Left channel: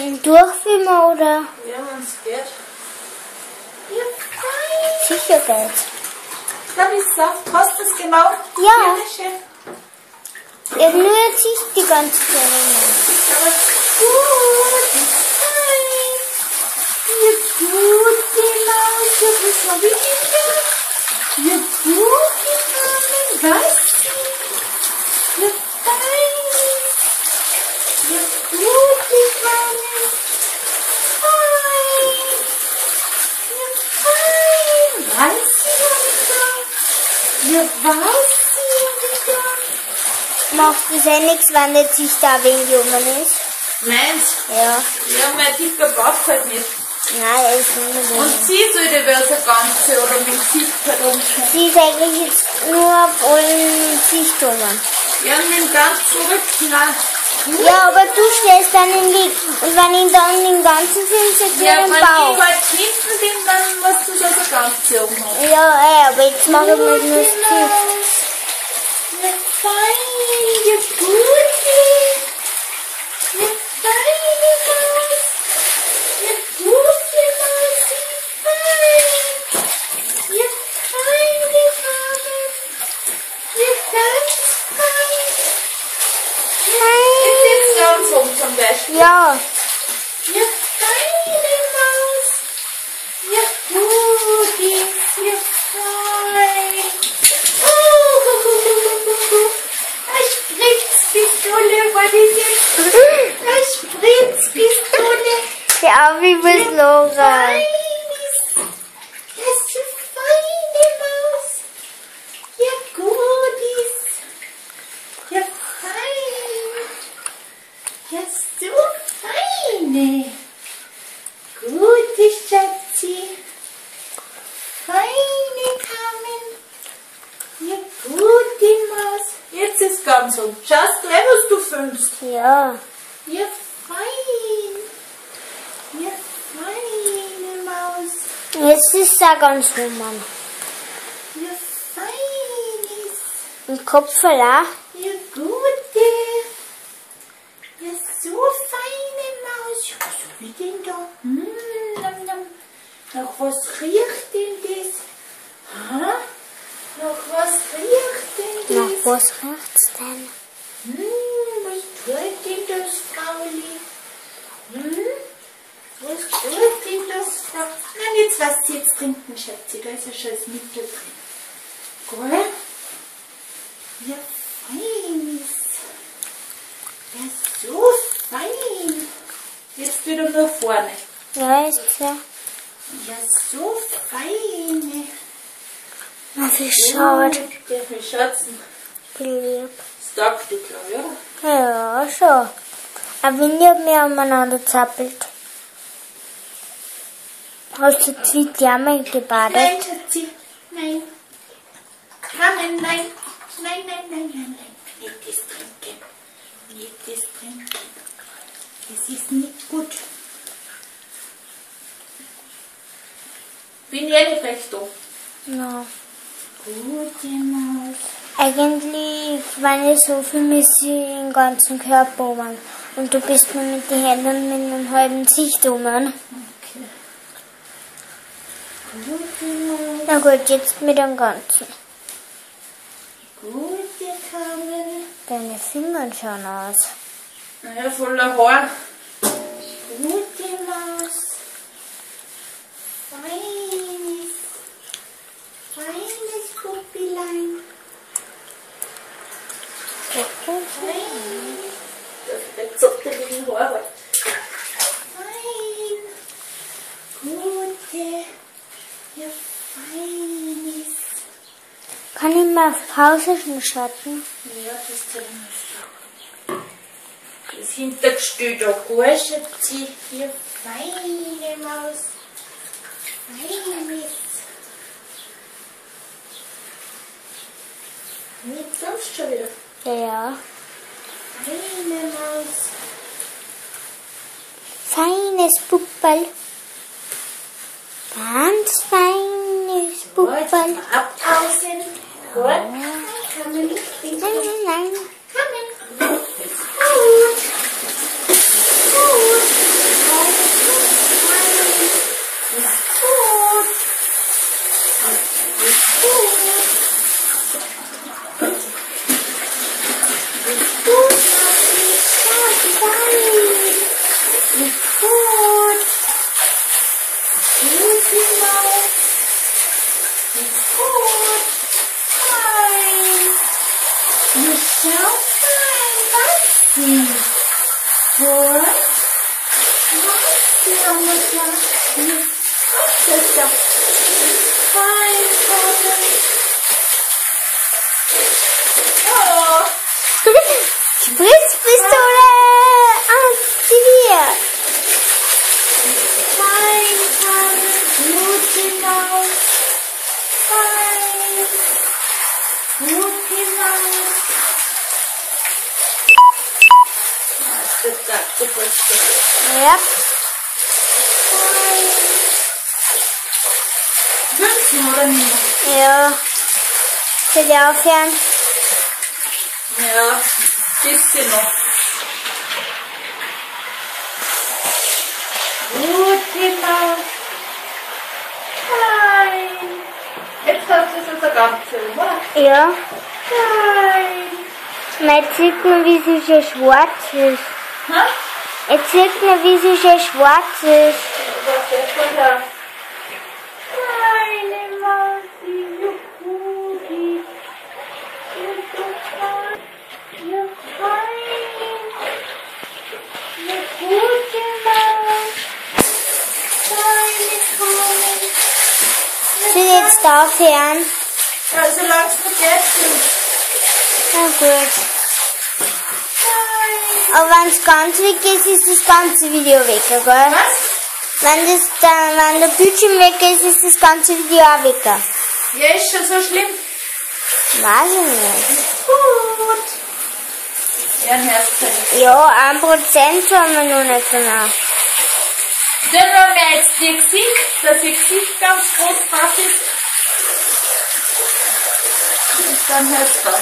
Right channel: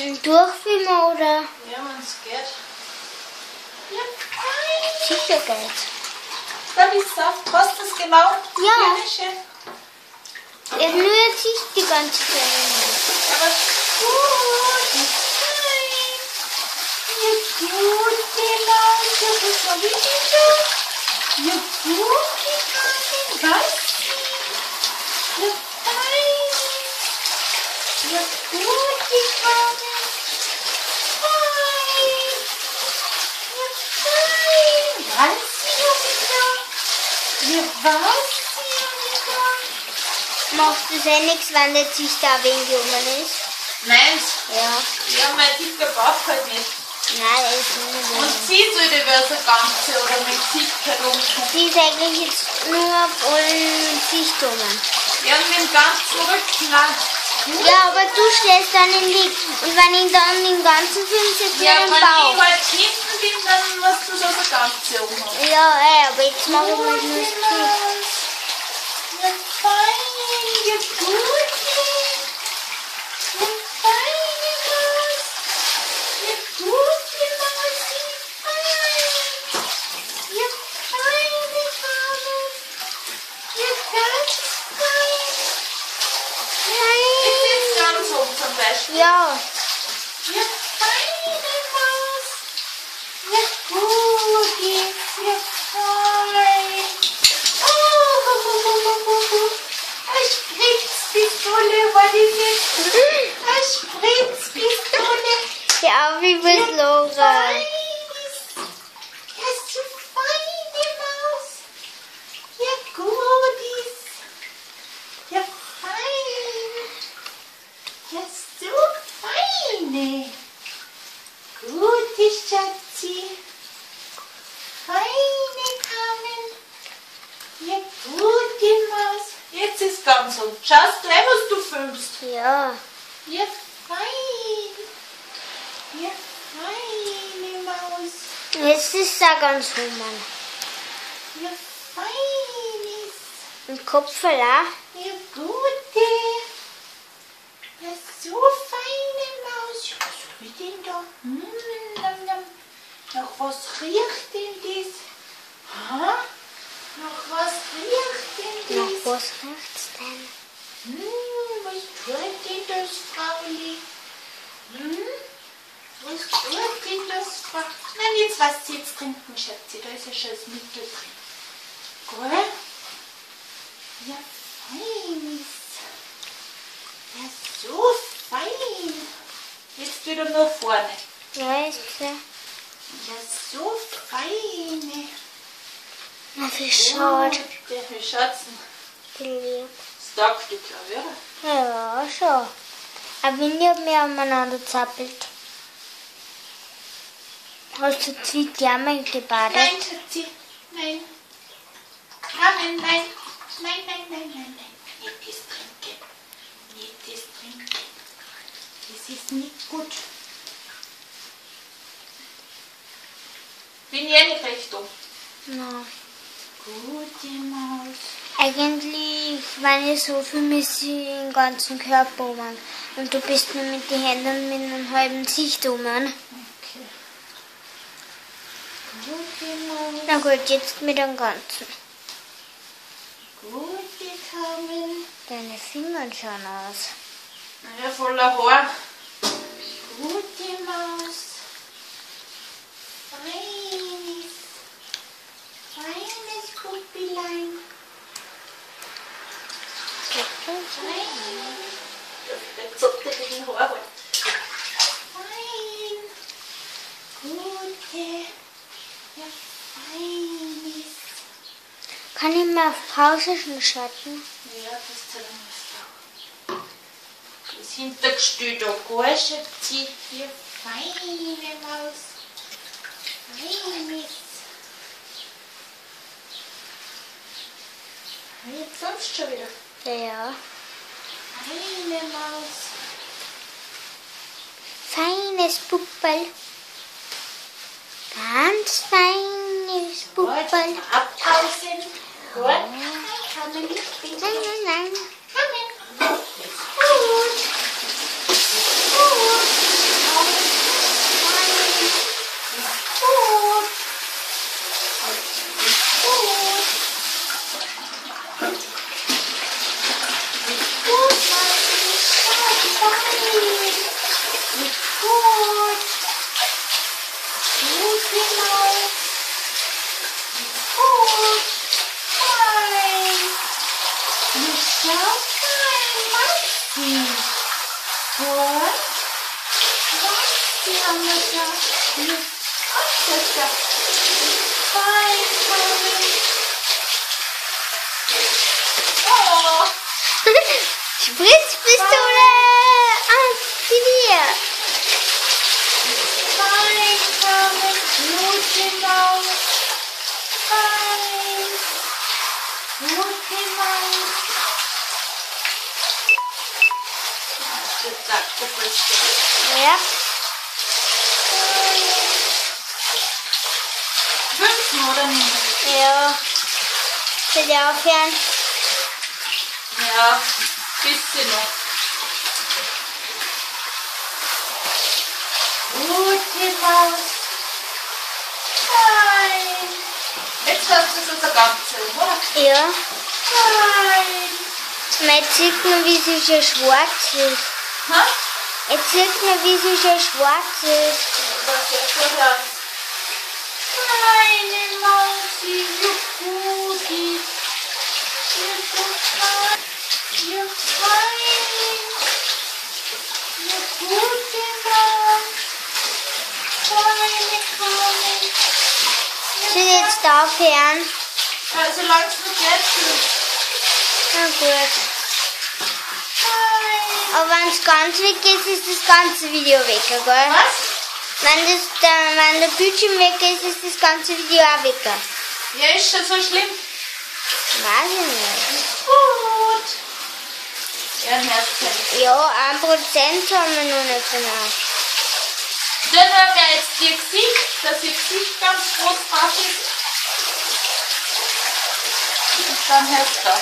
Durchfilmen oder? Ja, wenn es geht. Ja, fein. Sicher geht's. Da bist du. Hast du es genau? Ja. Schön. Er rührt sich die ganze Zeit. Aber gut, fein. Ja, gut, genau. Ja, was hab ich denn da? Ja, gut, gegangen. Was? Ja, fein. Ja, gut, gegangen. Fein. Ja, fein. Was sie da? Ja, was sie da? Macht es eh nichts, wenn der sich da wegen Jungen ist? Meins? Ja. Ja, mein dicker Bauch halt nicht. Nein, er ist nicht so. Und sie sollte wäre so ganze oder mit dem Gesicht herumkommen. Sie ist eigentlich jetzt nur auf allen Sichtungen. Ja, und mit dem ganzen Rücken auch. Ja, aber du stellst dann den Lied. Und wenn ich dann den ganzen Film so Ja, den wenn ich Bauch. halt schnitten bin, dann musst du da so ganze umhaben. Ja, aber jetzt mache ich nur das Gesicht. Ja, fein, ja, Guti. Ja, feine Maus. Ja, gute Mausi, fein. Ja, feine Maus. Ja, ganz fein. Jetzt ganz rum zum Beispiel. Ja. Ja, feine Maus. Ja, Guti. Ja, fein. Eine Spritzpistole war das jetzt. Eine Spritzpistole. Ja, wie bist Laura? Fein ist. Ja, so feine Maus. Ja, gut ist. Ja, fein. Ja, so feine. Gute Schatzi. Feine Kamen. Ja, gute Maus. Jetzt ist ganz so. Schaust gleich, was du filmst. Ja. Ja, fein. Ja, feine Maus. Jetzt ist es auch ganz human. Ja, fein ist. Im Kopf verlacht. Ja, gute. Ja, so feine Maus. Ja, was hab ich denn da? Nam, nam. Nach was riecht denn das? Ha? Nach was riecht denn Nach das? was riecht's denn? Was tut denn das, Frauli? Was tut denn das, Frau? Nein, jetzt lass sie jetzt trinken, Schätze. Da ist ja schon das Mittel drin. Gell? Ja, fein ist. Ja, so fein. Jetzt wieder nur vorne. Ja, ist klar. Ja, so feine. Na, wie schaut. Wie schaut's denn? Lieb. Das taugt dir, glaube ich, oder? Ja, schon. Aber wenn ihr mir umeinander zappelt. Hast du zwei Jammer gebadet? Nein, Schatzi. Nein. Carmen, nein. Nein, nein, nein, nein, nein. Nicht das trinken. Nicht das trinken. Das ist nicht gut. Bin ich eh nicht recht da. Ja. Gute Maus. Eigentlich, wenn ich so viel müsste ich den ganzen Körper um. Und du bist nur mit den Händen mit einem halben Gesicht um. Okay. Gute Maus. Na gut, jetzt mit dem Ganzen. Gute Carmen. Deine Finger schauen aus. Naja, voller Haar. Gute Maus. Feines. Feines Puppilein. Fein. Jetzt hat der liegen Haar. Fein. Gute. Ja, feines. Kann ich mal auf Pause schon schalten? Ja, das zählt mal. Das Hintergestell da gut, Schatzi. Ja, feine Maus. Feines. Nicht sonst schon wieder. Ja. Feine Maus. Feines Pupperl. Ganz feines Pupperl. Gut, abpausen. Gut. Kann man nicht finden. Nein. Kann man. Gut. Gut. Ist gut. Ist gut, Maxi. Schau, fein. Ist gut. Gut, genau. Ist gut. Fein. Ist schau, fein, Maxi. Gut. Maxi haben wir schon. Das ist doch fein, Tommy. Oh. Spritzpistole aktiviert. Fein, Tommy. Gute Maus. Fein. Gute Maus. Das sagt du bist Ja. fein. 15 oder nicht? Ja. Will ich aufhören? Ja, bisschen noch. Gute Maus. Fein. Jetzt hast du es also ganz schön, oder? Ja. Fein. Jetzt sieht man, wie sie schon schwarz ist. Ha? Jetzt sieht man, wie sie schon schwarz ist. Was ist denn da? Feine Mausi, ja Guti. Ja so fein. Ja fein. Ja gute Maus. Feine Kauen. Soll ich jetzt aufhören? Ja, solange es noch geht. Na gut. Fein. Aber wenn es ganz weg ist, ist das ganze Video weg, gell? Was? Wenn der Bildschirm weg ist, ist das ganze Video auch weg. Ja, ist schon so schlimm. Weiß ich nicht. Gut. Ja, ein Herzfällig. Ja, 1% haben wir noch nicht genau. Dann haben wir jetzt die Gesicht, dass ihr Gesicht ganz groß drauf ist. Und dann hörst du.